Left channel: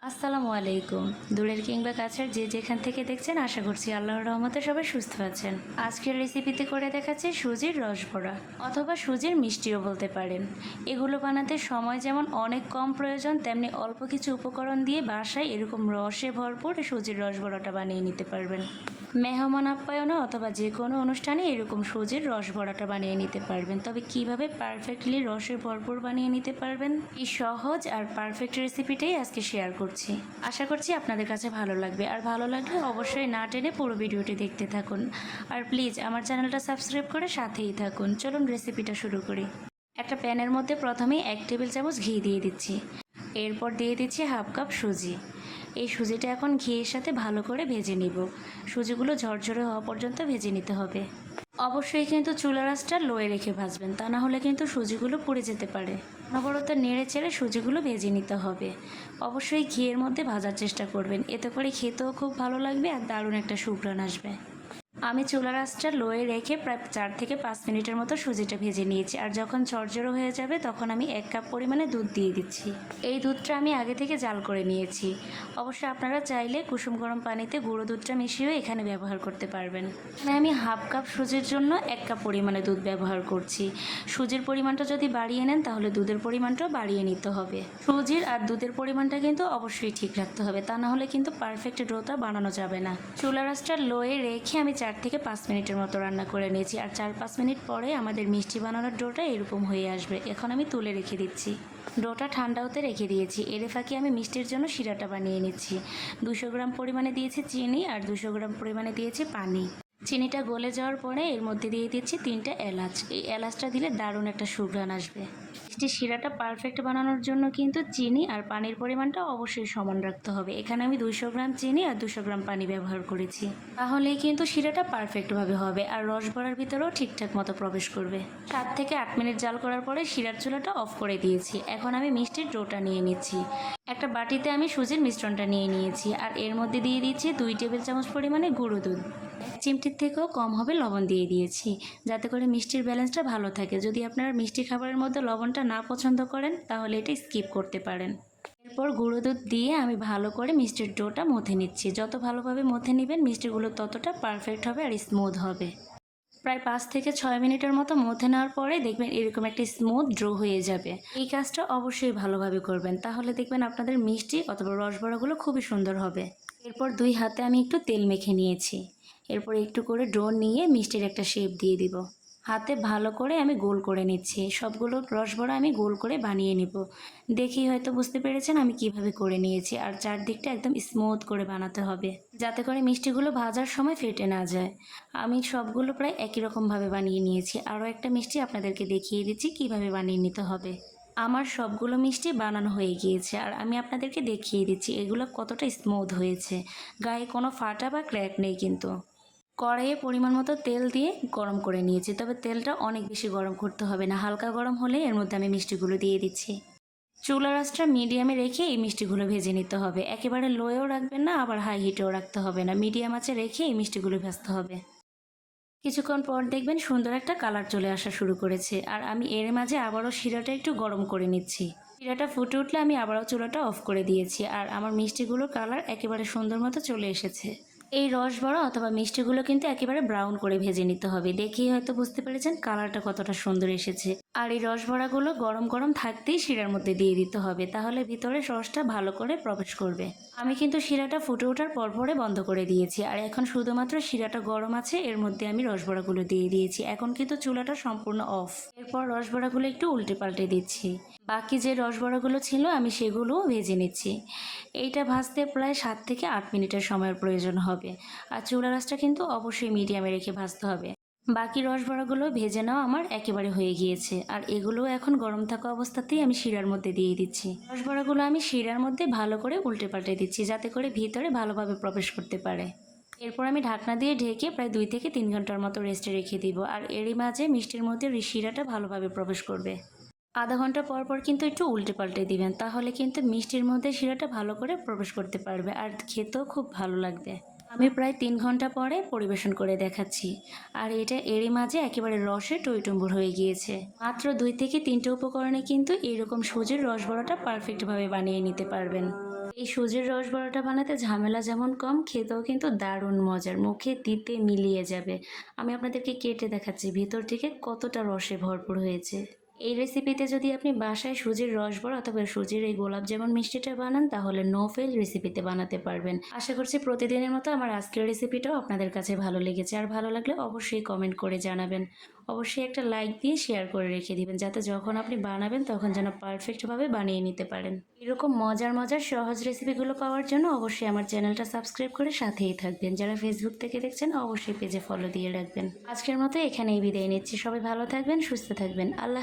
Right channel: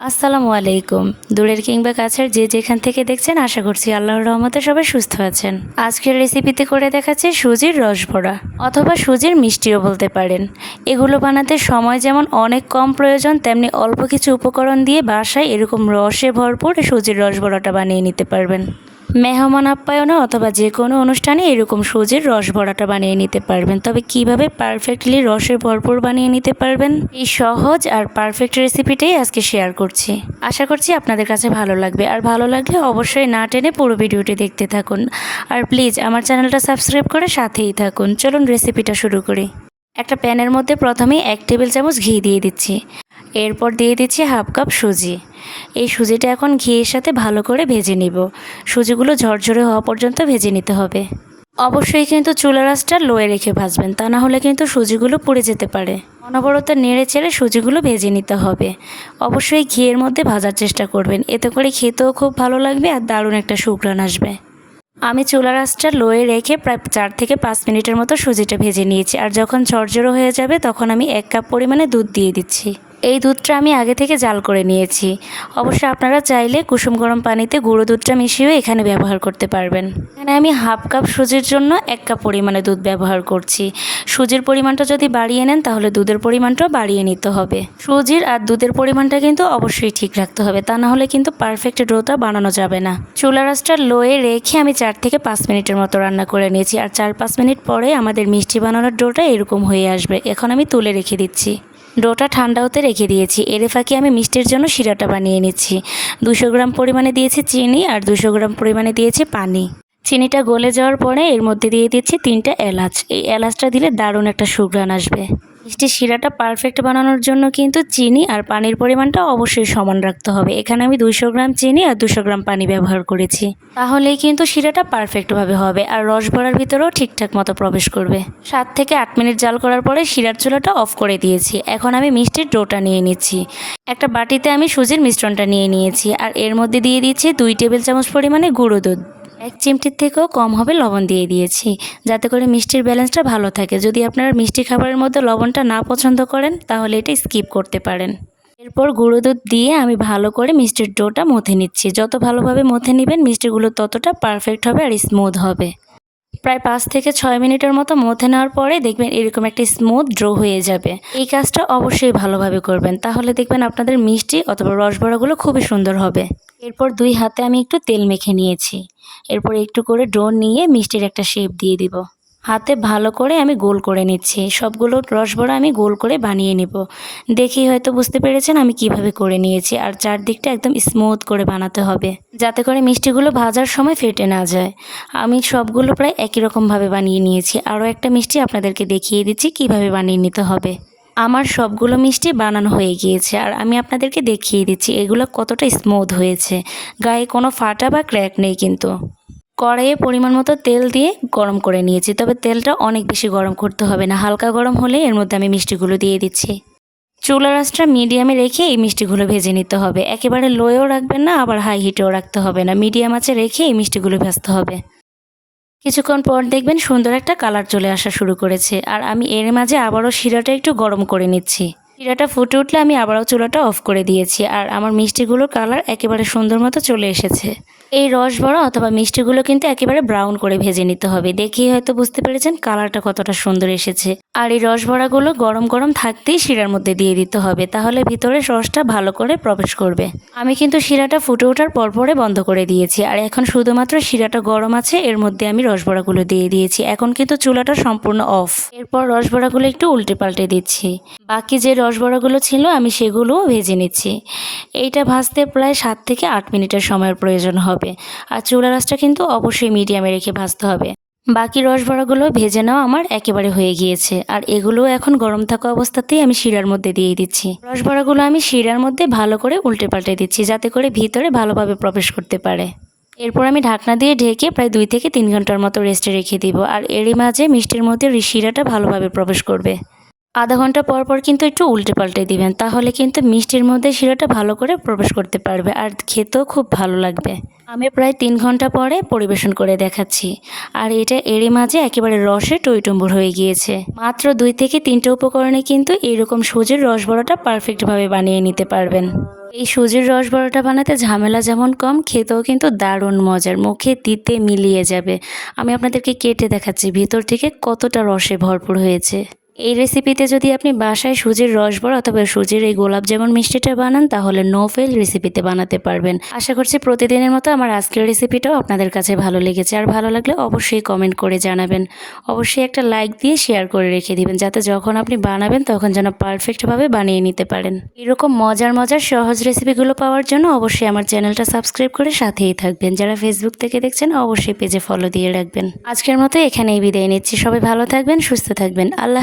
আসসালামু আলাইকুম। দূরের কিংবা কাছের যে যেখান থেকে দেখছেন, আশা করছি আল্লাহর রহমতে সবাই সুস্থ আছেন। আজকের রেসিপিতে করে দেখাচ্ছি সুজির রসভরা অথবা সুজির মিষ্টিও বলতে পারেন। এগুলো বানাতে সময় যেমন অনেক কম প্রয়োজন, তেমনি অল্প কিছু উপকরণ দিয়ে বাসায় এরকম রসে ভরপুর সুজির রসভরাটা বানিয়ে নিতে পারবেন। মেহমান আপ্যায়নে অথবা যে কোনো অনুষ্ঠানে এরকম সুজির রস ভরাটা বানিয়ে নিতে পারবেন। তবে কীভাবে পারফেক্টলি রসে ভরপুর বানিয়ে নিতে পারবেন? এই সহজ আর পারফেক্ট রেসিপিটাই আজকে শেয়ার করছি। আশা করছি আপনাদের কাছে ভালো লাগবে। আর ভালো লাগলে অবশ্যই না টেনে পুরো ভিডিওটি দেখতে থাকুন। আর প্লিজ আমার চ্যানেলটা সাবস্ক্রাইব করে সাথেই থাকুন। চলুন রেসিপিটা শুরু করি। একটা প্যানের মধ্যে প্রথমেই এক টেবিল চামচ ঘি দিয়ে দিচ্ছি। এরপর দিয়ে দিচ্ছি হাফ কাপ সুজি। এই সুজিটা এখন ঘিয়ের সাথে ভালো করে ভেজে নিব। সুজিগুলো ঝরঝরে হওয়া পর্যন্ত ভেজে নিতে হবে। অবশ্যই কিন্তু চুলা আঁচটা লোয়ে রেখে ভাজবেন, তা না হলে কিন্তু সুজিগুলো পুড়ে যেতে পারে। অনবরত নেড়ে চেড়ে সুজিগুলো ভেজে নিতে হবে। অবশ্যই ঘিয়ের মধ্যে ভাজার চেষ্টা করবেন, এতে করে খেতেও খুব ভালো লাগবে আর দারুণ একটা সুঘ্রাণ আসবে। আমি চুলার আঁচটা লোয়ে রেখে প্রায় চার থেকে পাঁচ মিনিটের মতো সুজিটা ভেজে নিয়েছি, আর যখন ঝরঝরো হয়ে যাবে তখন আমি এক কাপ পরিমাণে দুধ দিয়ে দিচ্ছি। এই দুধটা আমি আগে থেকে জাল করে নিয়েছি। অবশ্য আপনারা চাইলে কুসুম গরম পানিতে গুঁড়ো দুধটা মিশিয়েও এখানে ব্যবহার করতে পারবেন। এখানে আমি হাফ কাপ সুজির জন্য এক কাপ পরিমাণে দুধ ব্যবহার করছি। সুজির পরিমাণটা যদি বাড়িয়ে নেন, তাহলে দুধের পরিমাণটাও বাড়িয়ে নিতে হবে। সুজির আর দুধের পরিমাণটা কিন্তু অবশ্যই ঠিক রাখতে হবে, তা না হলে কিন্তু পারফেক্ট ডোটা বানানো যাবে না। চুলা আঁচটা লোয়ে রেখে আমি চার থেকে পাঁচ মিনিটের মতো রান্না করে নিয়েছি, আর চার পাঁচ মিনিট পরে আমাদের মিষ্টি বানানোর ডোটা এরকম হয়ে আসবে। এখন আমি তুলে রেখে দিচ্ছি। ডোটা ঠান্ডা হতে রেখে দিয়েছি। এরে ফাঁকে আমি মিষ্টির জন্য শিরাটা বানিয়ে নিচ্ছি। দুশো গ্রাম পরিমাণে দিয়েছি চিনি আর দুশো গ্রাম পরিমাণে দিয়েছি পানি। চিনিটা গলে যাওয়ার পরে এর মধ্যে দিয়ে দিচ্ছি তিনটা এলাচ। এই এলাচটা দিলে দারুণ একটা সুঘ্রাণ আসবে। মিষ্টি শিরাটা পারফেক্ট বানানোর জন্য কিন্তু চিনি আর পানির পরিমাণটা অবশ্যই সমান রাখতে হবে। এখানে আমি দুশো গ্রাম চিনি আর দুশো গ্রাম পানি ব্যবহার করেছি। তাহলেই কিন্তু শিরাটা পারফেক্টভাবে হবে আর রস ভরার ভিতরেও ঠিকঠাক মতো প্রবেশ করবে। সাত থেকে আট মিনিট জাল করার পরে শিরার চুলাটা অফ করে দিয়েছি। এখন আমি মিষ্টির ডোটা নিয়ে নিচ্ছি। একটা বাটিতে আমি সুজির মিশ্রণটা নিয়ে নিয়েছি আর এর মধ্যে দিয়ে দিচ্ছি দুই টেবিল চামচ পরিমাণে গুঁড়ো দুধ। এক চিমটির থেকেও কম হবে লবণ দিয়ে দিয়েছি। যাতে করে মিষ্টির ব্যালেন্সটা ভালো থাকে। যদি আপনারা মিষ্টি খাবারের মধ্যে লবণটা না পছন্দ করেন, তাহলে এটা স্কিপ করতে পারেন। এরপর গুঁড়ো দুধ দিয়ে আমি ভালো করে মিষ্টির ডোটা মথে নিচ্ছি। যত ভালোভাবে মথে নেবেন, মিষ্টিগুলো ততটা পারফেক্ট হবে আর স্মুথ হবে। প্রায় পাঁচ থেকে ছয় মিনিটের মতো মথে নেওয়ার পরে দেখবেন এরকম একটা স্মুথ ড্রো হয়ে যাবে। এই কাজটা অবশ্যই ভালোভাবে করবেন। তাহলে দেখবেন আপনাদের মিষ্টি অথবা রসবড়াগুলো খুবই সুন্দর হবে। এরপর দুই হাতে আমি একটু তেল মেখে নিয়েছি। এরপর একটু করে ডো নিয়ে মিষ্টির একটা শেপ দিয়ে দিব। হাতে ভালো করে আমি গোল করে নিচ্ছি। সবগুলো রসবড়া আমি গোল করে বানিয়ে নেব। দেখি হয়তো বুঝতে পেরেছেন আমি কীভাবে করে নিয়েছি। আর চারদিকটা একদম স্মুথ করে বানাতে হবে। যাতে করে মিষ্টিগুলো ভাজার সময় ফেটে না যায়। আমি সবগুলো প্রায় একই রকমভাবে বানিয়ে নিয়েছি। আরও একটা মিষ্টি আপনাদেরকে দেখিয়ে দিচ্ছি কীভাবে বানিয়ে নিতে হবে। আমার সবগুলো মিষ্টি বানানো হয়ে গিয়েছে আর আমি আপনাদেরকে দেখিয়ে দিচ্ছি এগুলো কতটা স্মুথ হয়েছে। গায়ে কোনো ফাটা বা ক্র্যাক নেই কিন্তু। কড়াইয়ে পরিমাণ মতো তেল দিয়ে গরম করে নিয়েছি, তবে তেলটা অনেক বেশি গরম করতে হবে না, হালকা গরম হলে এর মধ্যে আমি মিষ্টিগুলো দিয়ে দিচ্ছি। চুলা রাসটা মিডিয়ামে রেখে এই মিষ্টিগুলো ভেজে নিতে হবে। একেবারে লোয়েও রাখবেন না, আবার হাই হিটেও রাখতে হবে না মিডিয়াম আঁচে রেখে এই মিষ্টিগুলো ভাজতে হবে। কিছুক্ষণ পর দেখবেন সুন্দর একটা কালার চলে আসা শুরু করেছে। আর আমি এর মাঝে আবারও শিরাটা একটু গরম করে নিচ্ছি। শিরাটা ফুটে উঠলে আমি আবারও চুলাটা অফ করে দিয়েছি। আর আমার মিষ্টিগুলোর কালার একেবারে সুন্দর মতো চলে এসেছে। এই রস বড়া অথবা মিষ্টিগুলো কিন্তু একেবারে ব্রাউন করে ভেজে নিতে হবে। দেখেই হয়তো বুঝতে পেরেছেন কালারটা কতটা সুন্দর এসেছে। আর এই রস বড়াগুলো গরম গরম থাকতেই শিরার মধ্যে দিয়ে দিতে হবে, তাহলে ভিতরে রসটা ভালো করে প্রবেশ করবে। আমি কিন্তু শিরাটা ফুটে ওঠার পরপরে বন্ধ করে দিয়েছি, আর এখন শুধুমাত্র শিরাটা গরম আছে, এর মধ্যে আমি রস বড়াগুলো দিয়ে দিয়েছি। এখন কিন্তু চুলাটা সম্পূর্ণ অফ এরপর রস বড়াগুলো একটু উল্টে পাল্টে দিচ্ছি। বাকি যে রস বড়াগুলো ছিল, আমি সেগুলোও ভেজে নিচ্ছি। এইটা ভাজতে প্রায় সাত থেকে আট মিনিটের সময়ের প্রয়োজন হবে। আর চুলা রাসটা কিন্তু অবশ্যই মিডিয়ামে রেখে ভাজতে হবে। বাকি রসবড়াগুলো ভেজে নেওয়া আমার একেবারে হয়ে গিয়েছে। আর এগুলো এখন গরম থাকা অবস্থাতেই আমি শিরার মধ্যে দিয়ে দিচ্ছি। রসবড়াগুলো আমি শিরার মধ্যে ভালো করে উল্টে পাল্টে দিচ্ছি, যাতে করে ভিতরে ভালোভাবে প্রবেশ করতে পারে। এরপর আমি ঢাকনা দিয়ে ঢেকে প্রায় দুই থেকে তিন ঘণ্টার মতো রেস্টে রেখে দিব। আর এরই মাঝে মিষ্টির মধ্যে শিরাটা ভালোভাবে প্রবেশ করবে। আধা ঘণ্টা পর পর কিন্তু একটু উল্টে পাল্টে দিবেন, তাহলে কিন্তু মিষ্টির মধ্যে শিরাটা ভালো করে প্রবেশ করতে পারবে। আর খেতেও খুব ভালো লাগবে। আমি প্রায় তিন ঘণ্টা পরে পরিবেশন করে দেখাচ্ছি। আর এটা এরই মাঝে একেবারে রসে টইটম্বুর হয়ে গিয়েছে। মাত্র দুই থেকে তিনটে উপকরণে কিন্তু এরকম সুজির রস বড়াটা পারফেক্টভাবে বানিয়ে নিতে পারবেন। এই সুজির রস বড়াটা বানাতে ঝামেলা যেমন কম, খেতেও কিন্তু দারুণ মজার। মুখে দিতে মিলিয়ে যাবে। আমি আপনাদেরকে কেটে দেখাচ্ছি, ভিতর থেকে কতটা রসে ভরপুর হয়েছে। এই রেসিপিতে যদি আপনি বাসায় সুজির রস বড়া অথবা সুজির এই গোলাপ যেমন মিষ্টিটা বানান, তাহলে নো ফেল রেসিপিতে বানাতে পারবেন। আশা করছি প্রতিদিনের মতো আমার আজকের রেসিপিটাও আপনাদের কাছে ভালো লেগেছে। আর ভালো লাগলে অবশ্যই কমেন্ট করে জানাবেন। অবশ্যই একটা লাইক দিয়ে শেয়ার করে রেখে দিবেন, যাতে যখন আপনি বানাবেন তখন যেন পারফেক্টভাবে বানিয়ে নিতে পারেন। এরকম মজার মজার, সহজ রেসিপিগুলো পাওয়ার জন্য অবশ্যই আমার চ্যানেলটা সাবস্ক্রাইব করে সাথেই থাকবেন। যারা ফেসবুক থেকে দেখছেন, অবশ্যই পেজে ফলো দিয়ে রাখবেন। আজকের মতো এখানেই বিদায় নিচ্ছি। সবাই ভালো থাকবেন, সুস্থ থাকবেন। আল্লাহ